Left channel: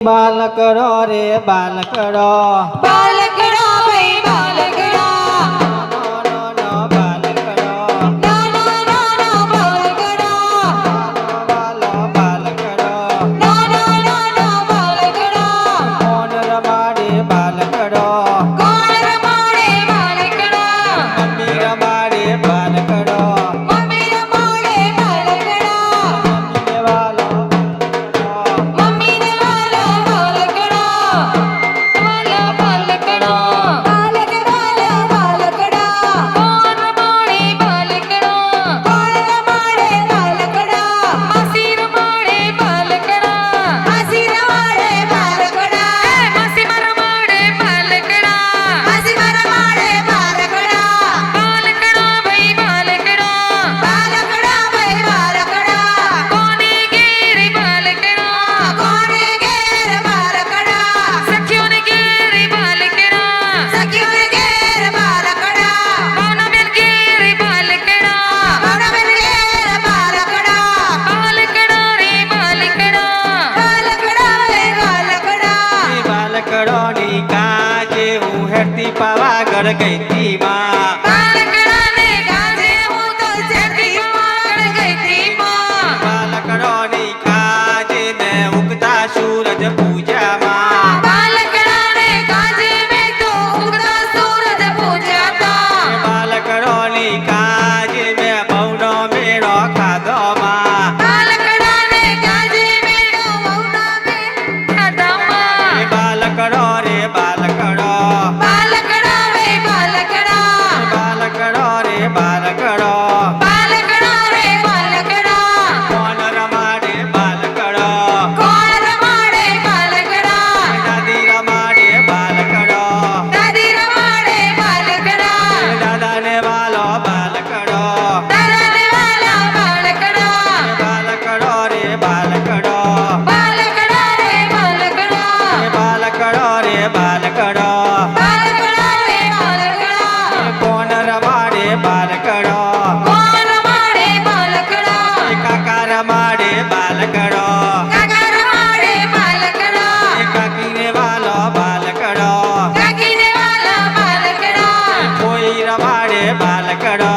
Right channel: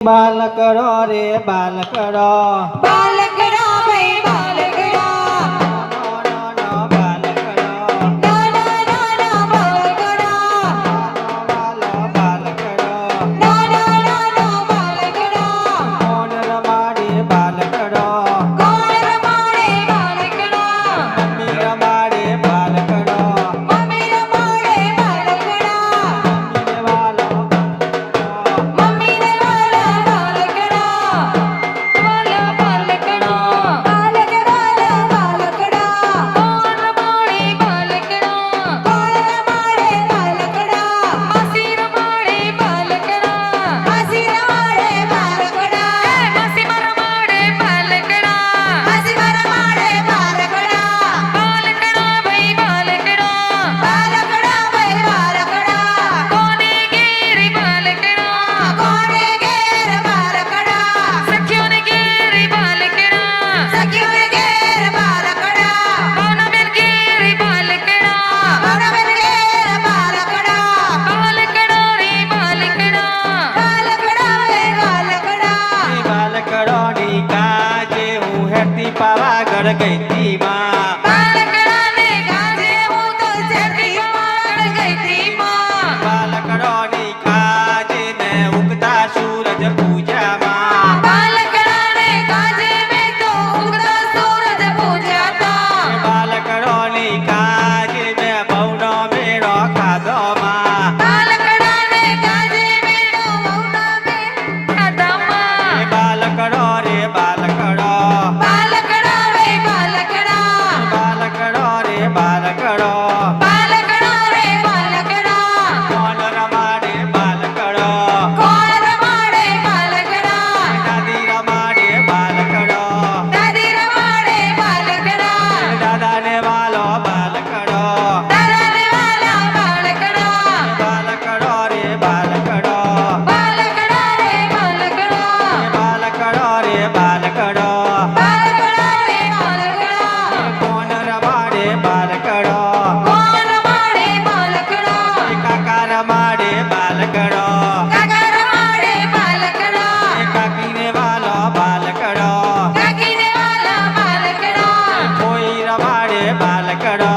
બાલકડો રે બાલકડો બાલકડા પાવાગઢ ગઈતી માં la cara.